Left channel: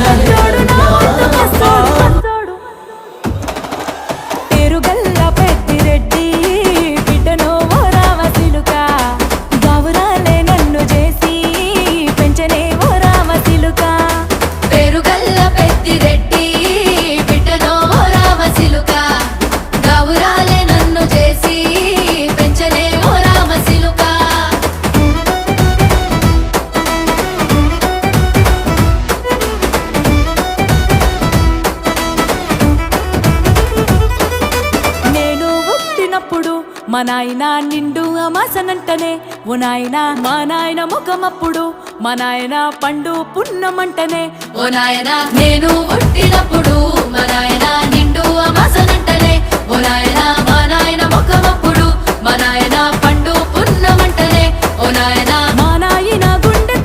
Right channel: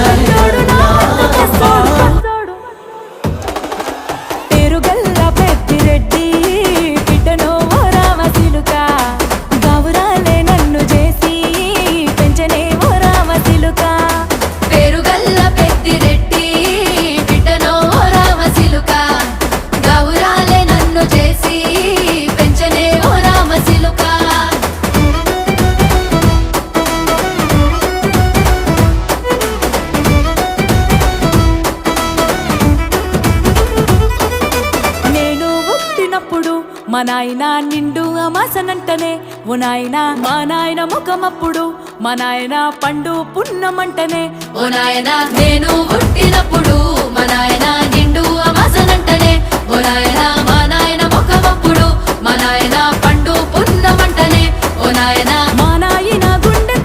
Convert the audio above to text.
పెద్దోడు నా ముందు కస్తోడు పేరుగల్ల పెద్దిరెడ్డి బిడ్డనో ఓ రామసిలుక గౌరాలే నన్ను చేసి పెంచనే ఓ రామసిలుక పేరుగల్ల పెద్దిరెడ్డి బిడ్డనో ఓ రామసిలుక గౌరాలే నన్ను చేసి పెంచనే ఓ రామసిలుక మా నాయన నిండు అమాసనంటనే ఓ నాయన మా నాయన ముఖమప్పుడు మా నాయన పండు పున్నమంటనే ఓ నాయన నేను పుట్టినప్పుడు మా నాయన నిండు అమాసనంటనే ఓ నాయన మా నాయన ముఖమప్పుడు మా నాయన పండు పున్నమంటనే ఓ నాయన మా నాయన గుండె